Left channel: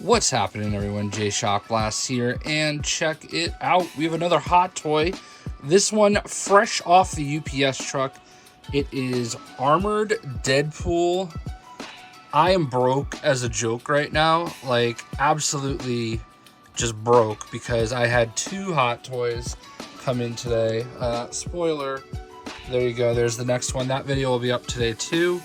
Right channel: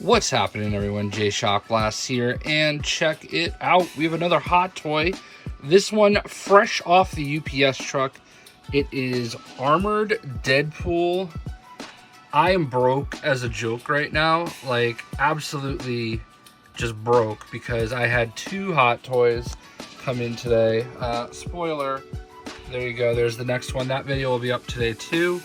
What's happening, everyone? JayShockblast here, and check it out. We have another hot toy. This one fresh off the UPS truck. It is Armored Deadpool. I am broke as a joke right now, like absolutely just broke, because I had two hot toys come in today. Spoiler, there you go. There's the next one. That video will be up today too.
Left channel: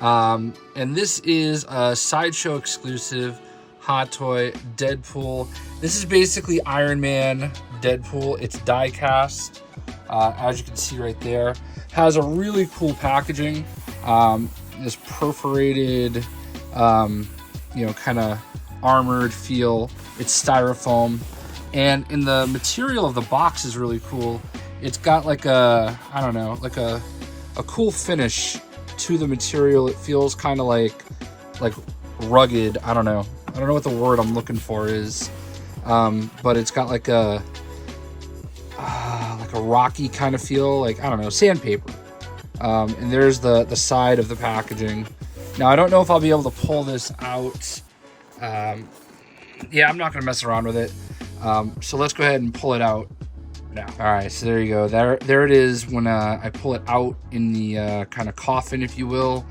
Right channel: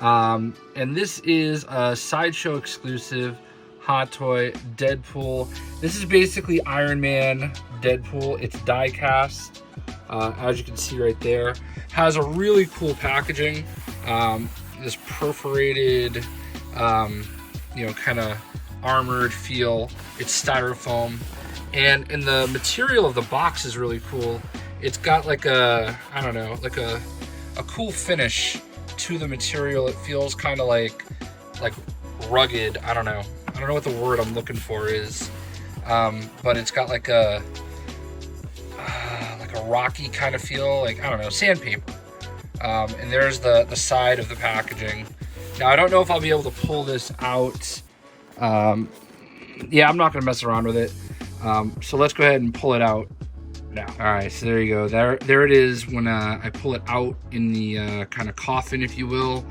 And this is a Sideshow exclusive hot toy Deadpool. This is basically Iron Man Deadpool. It's die cast, as you can see right there. Has a really cool packaging. This perforated, kind of armored feel. It's styrofoam, and the material of the box is really cool. It's got like a, I don't know, like a cool finish to the material. It feels kind of like rugged. I don't know what the word I'm looking for is, but it's got like a rocky kind of feel, like, I don't know, sandpaper. And there's the side of the packaging. Now I don't know if I'll be able to pull this out. Yeah, I'm not gonna mess around with it. So let's go ahead and pull it out now. All right, so there you go. There it is when I pull it out in the kind of coffin, if you will.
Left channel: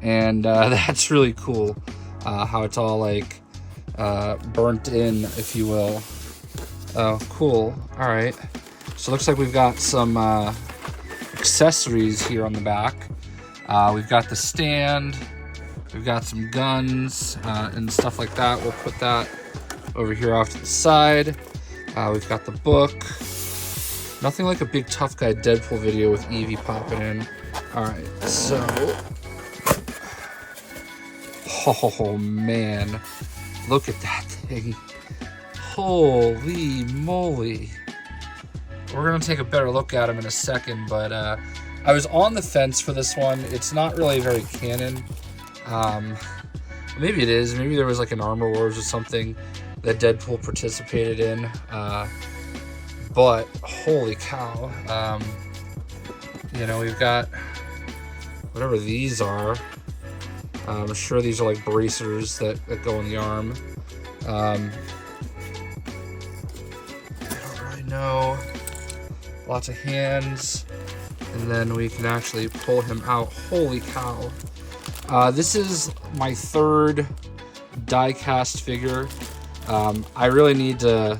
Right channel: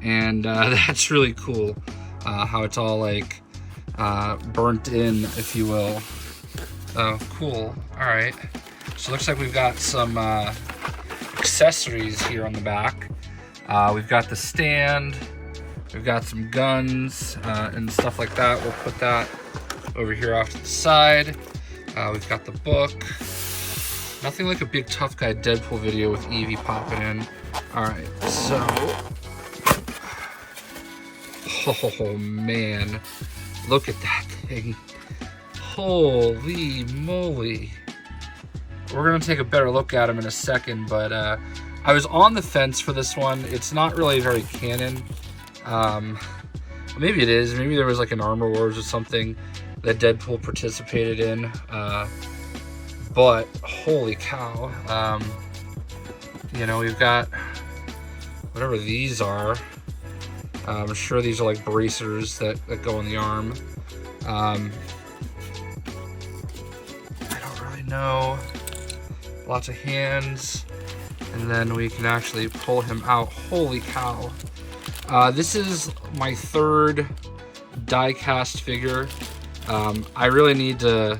And that's really cool, how it's all like burnt in, if you will. Oh, cool. All right. So it looks like we've got some accessories here on the back. We've got the stand. We've got some guns and stuff like that. We'll put that over here off to the side. We've got the book. Nothing like a big tough guy Deadpool video with Evie popping in. All right, so. Oh man, look at that thing. Holy moly. We're gonna take a better look at him in a second, but I was on the fence for this one. It's not really very canon. Maybe it is. Maybe there was like an Armor Wars or something that Deadpool participated in. But holy cow. We've got whatever these are. I'm sure these are like bracers that go in the arm. I don't really know. Lots of hands. And then we can actually pull him out. Holy cow. This is my third die cast figure. I really need to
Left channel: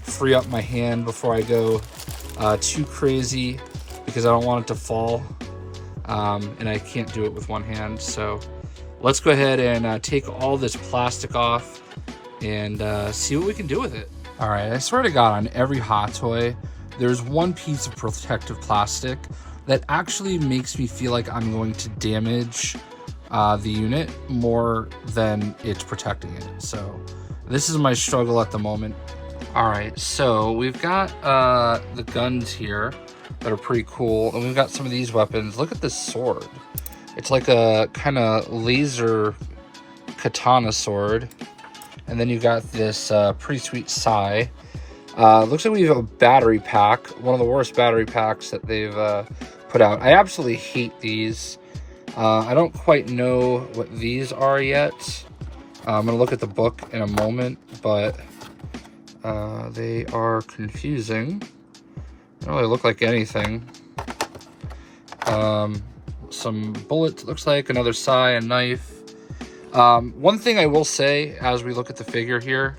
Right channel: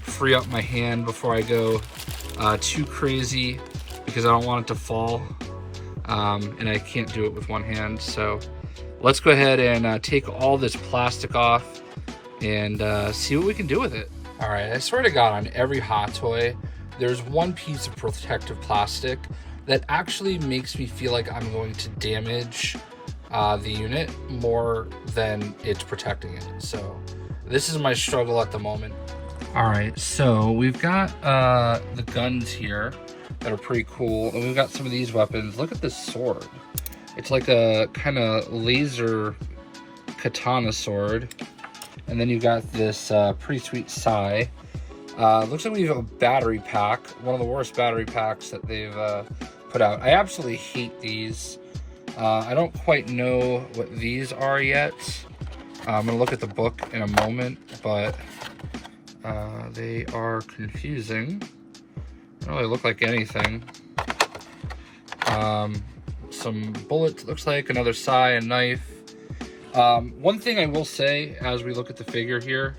free up my hand before I go too crazy, because I don't want it to fall. And I can't do it with one hand. So let's go ahead and take all this plastic off and see what we can do with it. All right, I swear to God, on every hot toy, there's one piece of protective plastic that actually makes me feel like I'm going to damage the unit more than it's protecting it. So this is my struggle at the moment. All right, so we've got the guns here that are pretty cool, and we've got some of these weapons. Look at this sword. It's like a kind of laser katana sword. And then you got this pretty sweet sai. Looks like we have a battery pack, one of the worst battery packs that they've put out. I absolutely hate these. I don't quite know what these are yet. I'm gonna look at the book in a moment, but they are confusing. They don't really look like anything. Some bullets, looks like another sai, a knife. One thing I will say as we look at the figure here,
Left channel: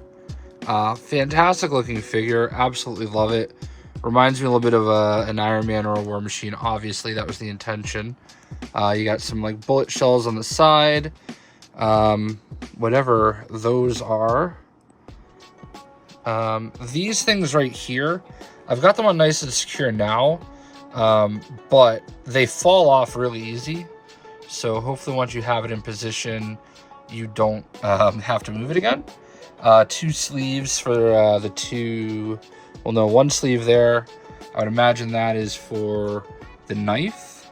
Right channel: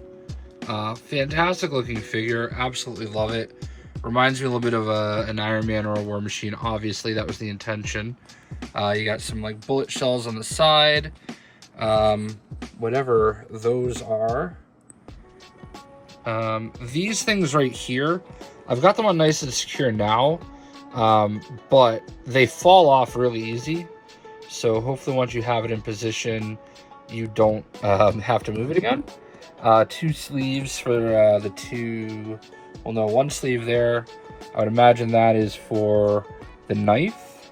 fantastic looking figure, absolutely love it. Reminds me a little bit of an Iron Man or a War Machine. Obviously that was the intention. You got some like bullet shells on the side, whatever those are. These things right here, I've got them on nice and secure now, but they fall off really easy. So hopefully once you have it in position, you don't have to move it again. Two sleeves for the two, well no, one sleeve there. I would imagine that is for the knife.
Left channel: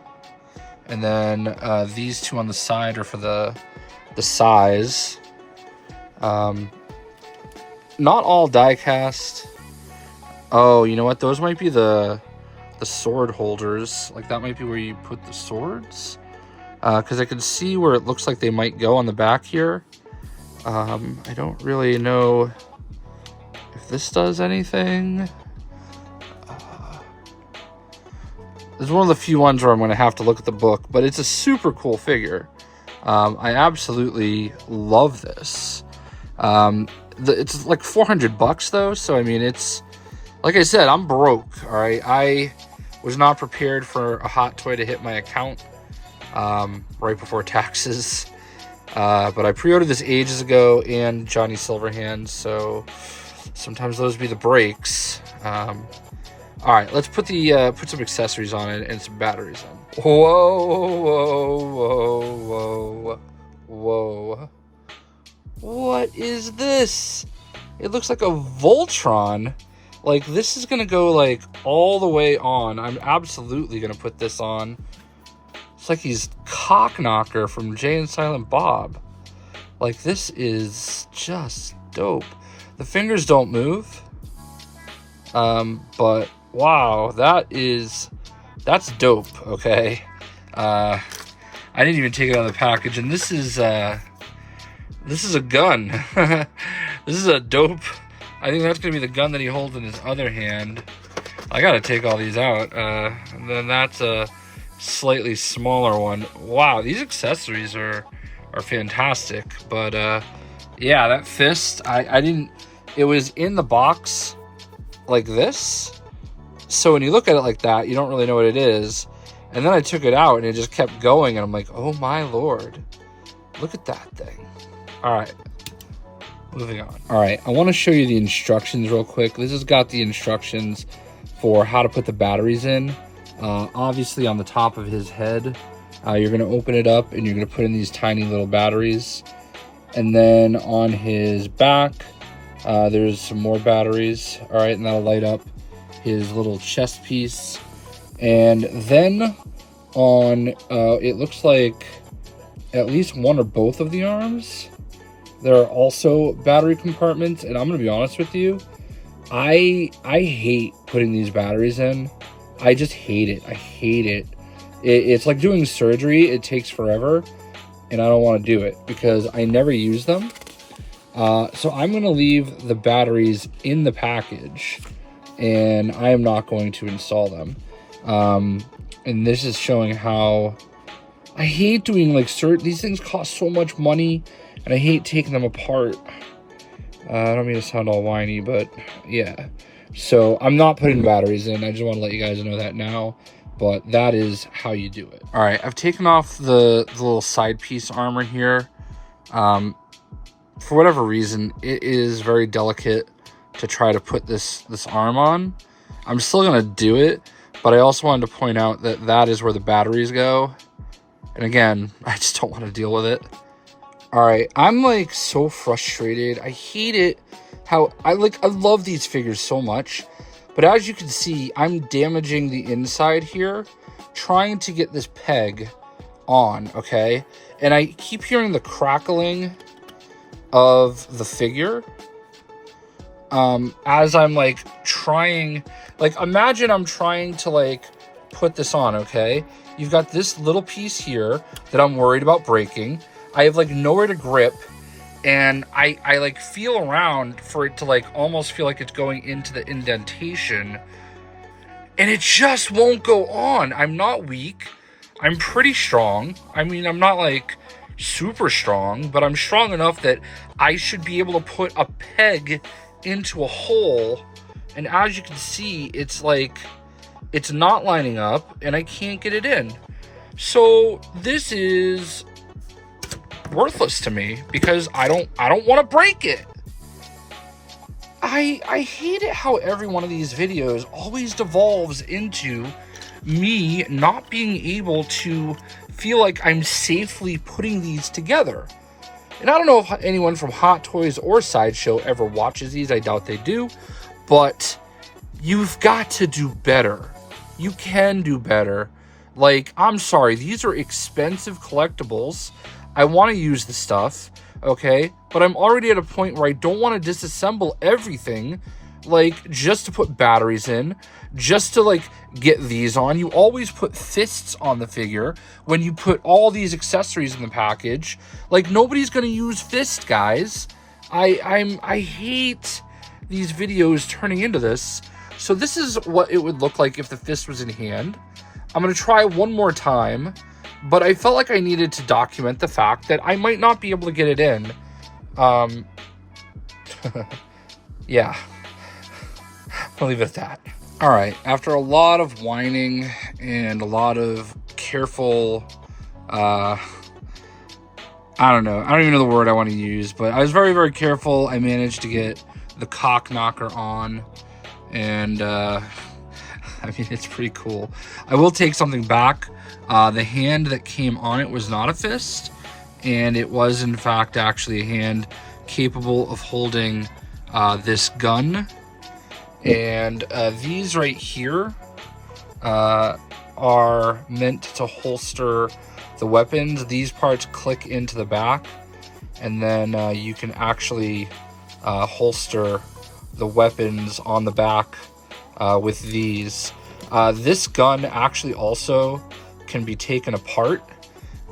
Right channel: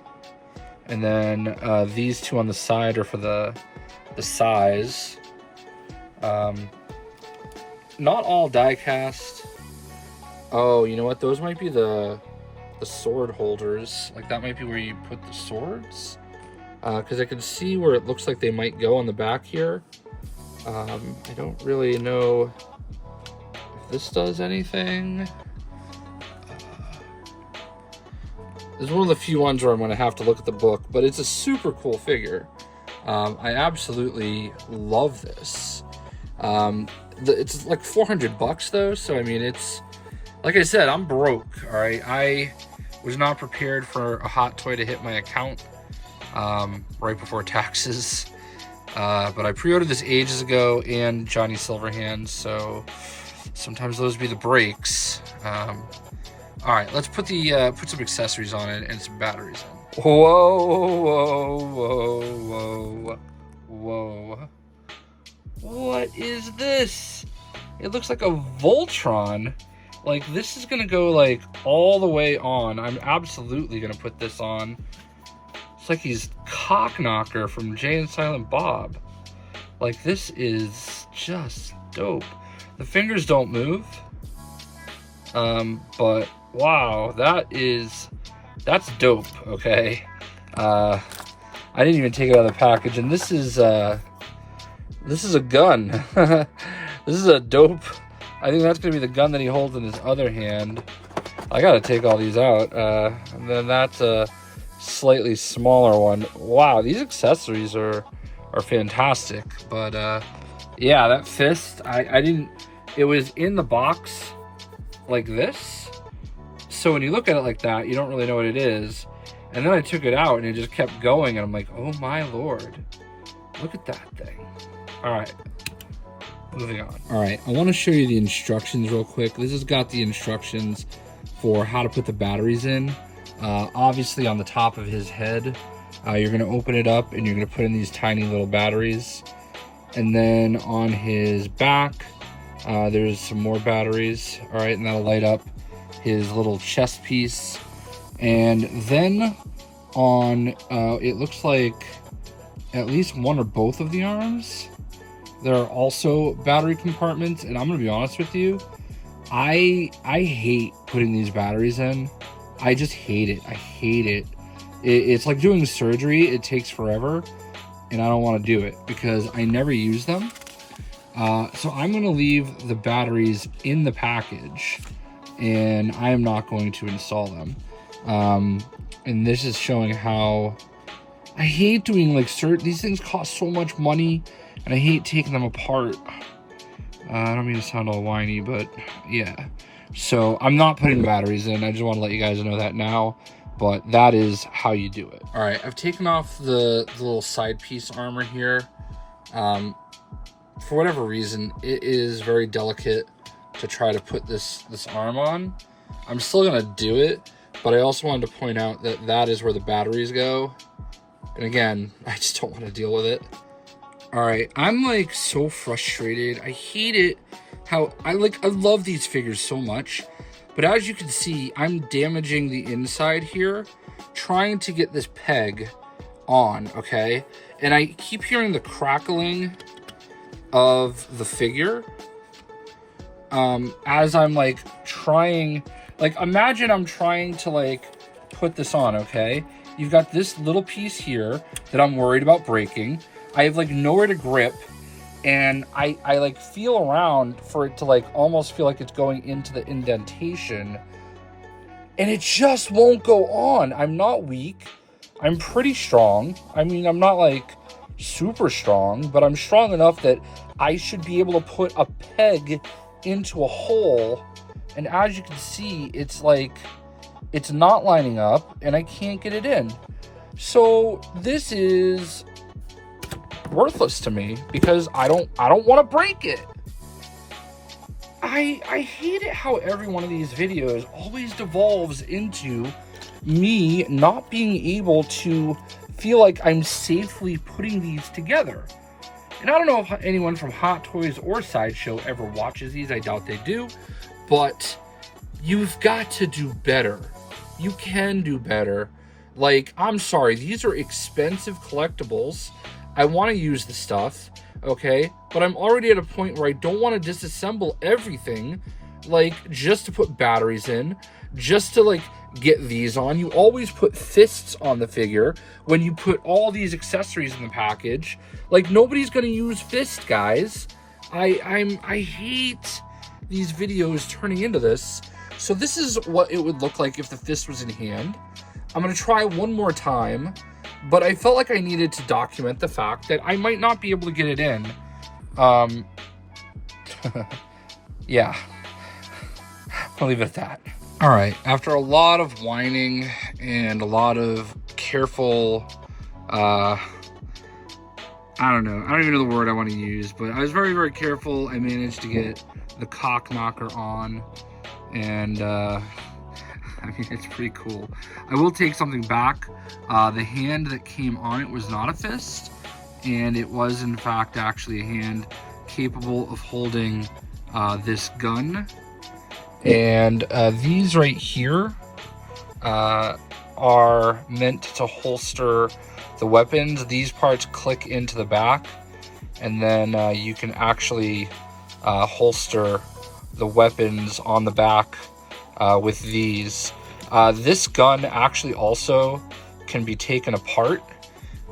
And then these two on the side are for the sais. Not all die cast. Oh, you know what? Those might be the sword holders. Like that might be where you put the swords. Because I can see where it looks like they might go on the back here. I don't really know if this does anything. This is one of the few ones where I'm going to have to look at the book, but it's a super cool figure. I absolutely love this. It's like $400 though, so I mean, it's like I said, I'm broke. All right, I was not prepared for a Hot Toy to hit my account right before taxes. But I pre-ordered this ages ago, and Johnny Silverhand, so sometimes those be the breaks. All right, let's put some accessories on it and some batteries on. Whoa, whoa, whoa, whoa, whoa! What is this? It looks like a Voltron. Like, this is gonna go like all the way on. I'm absolutely gonna put this on. It's like he's Cockknocker from Jay and Silent Bob. Like, this is just dope. The fingers don't move. But wow, that's dope, okay? I didn't even take it out of the package, and this is a gun. This is a dope. I think that's gonna be the gun that he holds in his other hand. I gotta take all these out. And then that's a slightly smaller one. Wow, these accessories are fantastic. But yeah, that fist, I didn't, it was in the box like this, so when you look at it like that, you don't really know what it is. And then I took it out and it just kept going, and I'm like, oh my lord, look at that thing. All right, moving on. All right, I want to show you the instructions real quick. This has got the instructions for how to put the batteries in. Obviously on the top of his head, you're going to open it up and you're going to put in these tiny little batteries. And then on his back, there's some more batteries. All right, and that'll light up his little chest piece. And then on, it looks like at least one or both of the arms, there are also battery compartments. And I'm going to be honest with you, I hate putting these batteries in. I just hate it. I hate it. It's like doing surgery. It takes forever, and I don't want to do it because I never use them. So I'm going to leave the batteries in the package, and I am not going to install them. And this is showing how I hate doing like these things cost so much money, and I hate taking them apart. I don't mean to sound all whiny, but yeah. So I'm not putting batteries in. I just want to let you guys know that now, but that is how you do it. All right, I've taken off the little side piece armor here. For whatever reason, it is very delicate to try to put this arm on. I'm still gonna do it, but I also wanted to point out that that is where the batteries go. And again, I just don't want to deal with it. All right, I'm like so frustrated. I hate it how I love these figures so much, but as you can see, I'm damaging the inside here trying to get this peg on, okay? And I keep hearing the crackling of the figure as I'm like trying, like imagine I'm trying to like put this on, okay? You've got this little piece here that I'm worried about breaking. I have like nowhere to grip, and I like feel around for it to like almost feel like it's going into the indentation, and it just won't go on. I'm not weak. I'm pretty strong. I mean, I'm not like super strong, but I'm strong enough that I should be able to put a peg into a hole. And as you can see, it's like, it's not lining up and I can't get it in. So this is worthless to me because I don't want to break it. I hate it how every one of these videos always devolves into me not being able to feel like I'm safely putting these together. And I don't know if anyone from Hot Toys or Sideshow ever watches these. I doubt they do. But you've got to do better. You can do better. Like, I'm sorry, these are expensive collectibles. I want to use the stuff, okay? But I'm already at a point where I don't want to disassemble everything like, just to put batteries in, just to, like, get these on. You always put fists on the figure when you put all these accessories in the package. Like, nobody's gonna use fist, guys. I hate these videos turning into this. So this is what it would look like if the fist was in hand. I'm gonna try one more time, but I felt like I needed to document the fact that I might not be able to get it in. Yeah, I'll leave it at that. All right, after a lot of whining and a lot of careful, I don't even know the word I want to use, but I was very, very careful. I managed to get the cock knocker on, and I mean, it's pretty cool. I will take something back. The hand that came on it was not a fist, and it was in fact actually a hand capable of holding this gun. And these right here are meant to holster the weapons. These parts click into the back, and then you can actually holster the weapons on the back with these. This gun actually also can be taken apart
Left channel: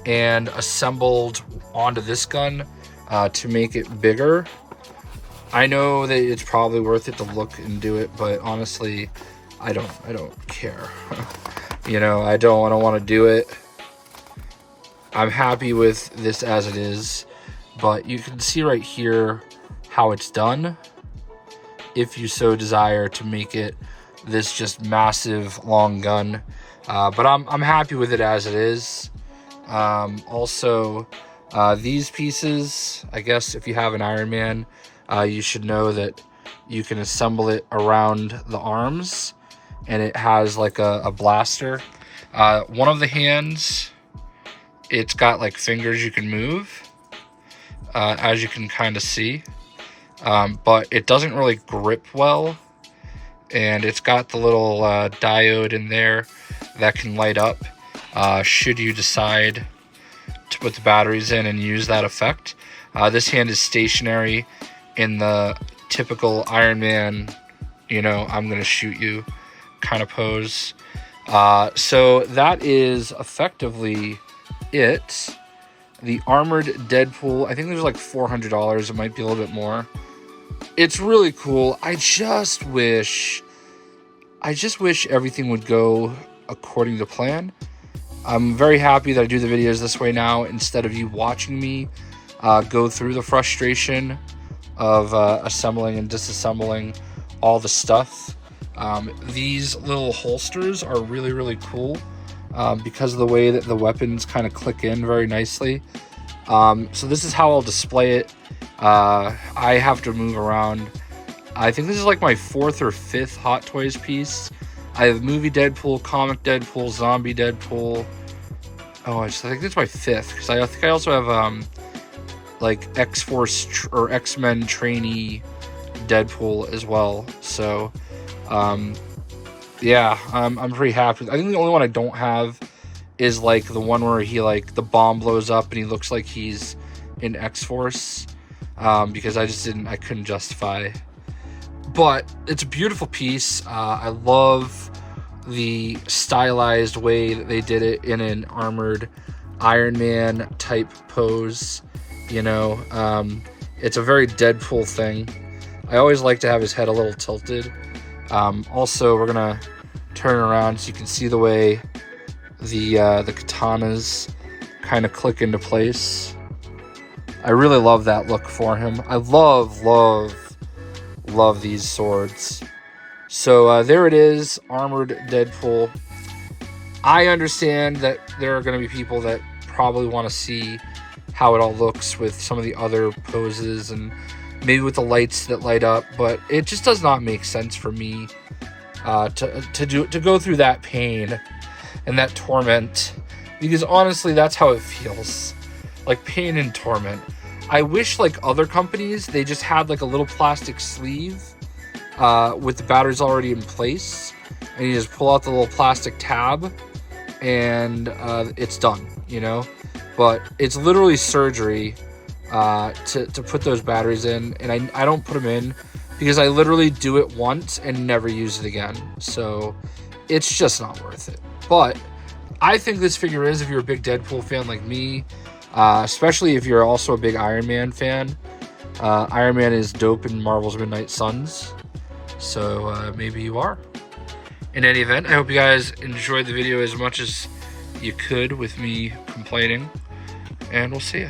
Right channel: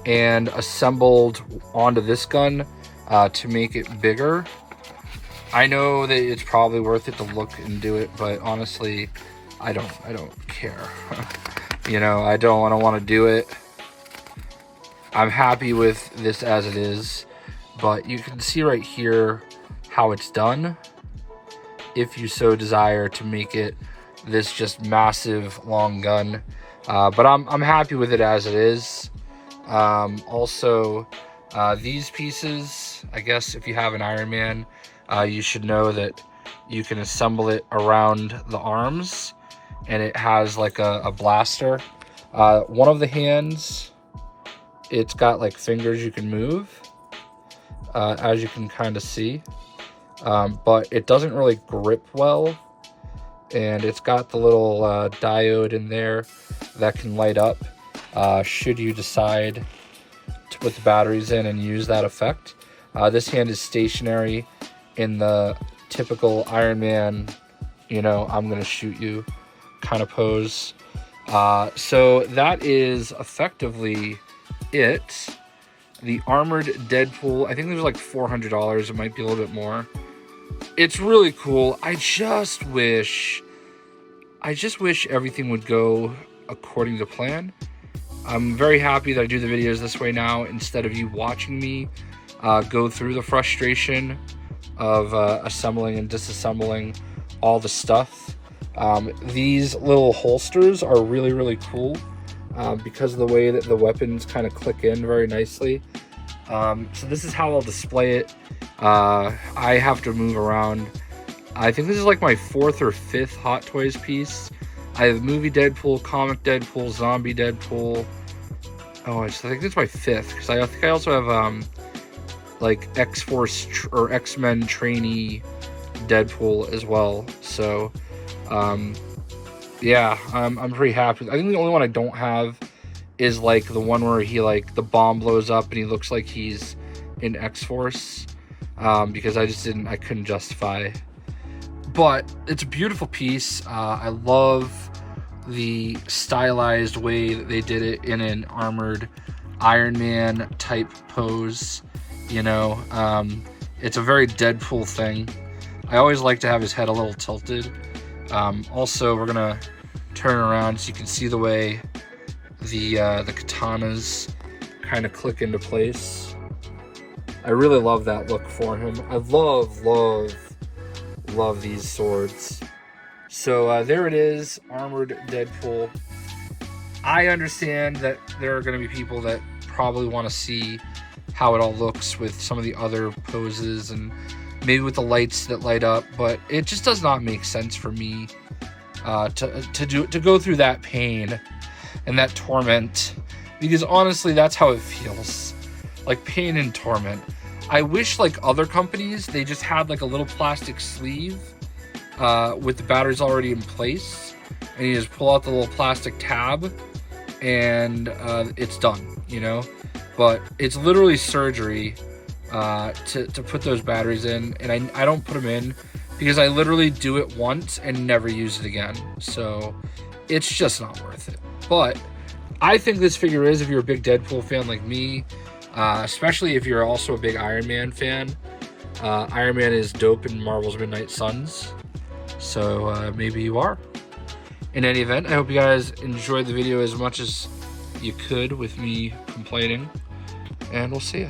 and assembled onto this gun to make it bigger. I know that it's probably worth it to look and do it, but honestly, I don't care. You know, I don't want to do it. I'm happy with this as it is, but you can see right here how it's done, if you so desire to make it this just massive long gun. But I'm happy with it as it is. Also, these pieces, I guess if you have an Iron Man, you should know that you can assemble it around the arms, and it has like a blaster. One of the hands, it's got like fingers you can move, as you can kind of see, but it doesn't really grip well, and it's got the little diode in there that can light up should you decide to put the batteries in and use that effect. This hand is stationary in the typical Iron Man, you know, I'm gonna shoot you kind of pose. So that is effectively it. The Armored Deadpool, I think there's like $400. It might be a little bit more. It's really cool. I just wish everything would go according to plan. I'm very happy that I do the videos this way now, instead of you watching me go through the frustration of assembling and disassembling all the stuff. These little holsters are really, really cool because of the way that the weapons kind of click in very nicely. So this is how I'll display it. I have to move around. I think this is like my 4th or 5th Hot Toys piece. I have movie Deadpool, comic Deadpool, zombie Deadpool. Oh, I think it's my 5th, because I think I also have like X-Force or X-Men trainee Deadpool as well. So yeah, I'm pretty happy. I think the only one I don't have is like the one where he, like, the bomb blows up and he looks like he's in X-Force, because I couldn't justify. But it's a beautiful piece. I love the stylized way that they did it in an armored Iron Man type pose. You know, it's a very Deadpool thing. I always like to have his head a little tilted. Also, we're gonna turn around so you can see the way the katanas kind of click into place. I really love that look for him. I love these swords. So there it is, Armored Deadpool. I understand that there are going to be people that probably want to see how it all looks with some of the other poses and maybe with the lights that light up, but it just does not make sense for me to go through that pain and that torment, because honestly that's how it feels, like pain and torment. I wish, like other companies, they just had like a little plastic sleeve with the batteries already in place, and you just pull out the little plastic tab and it's done, you know. But it's literally surgery to put those batteries in, and I don't put them in because I literally do it once and never use it again. So it's just not worth it. But I think this figure is, if you're a big Deadpool fan like me, especially if you're also a big Iron Man fan. Iron Man is dope in Marvel's Midnight Suns. So maybe you are. In any event, I hope you guys enjoyed the video as much as you could with me complaining. And we'll see you.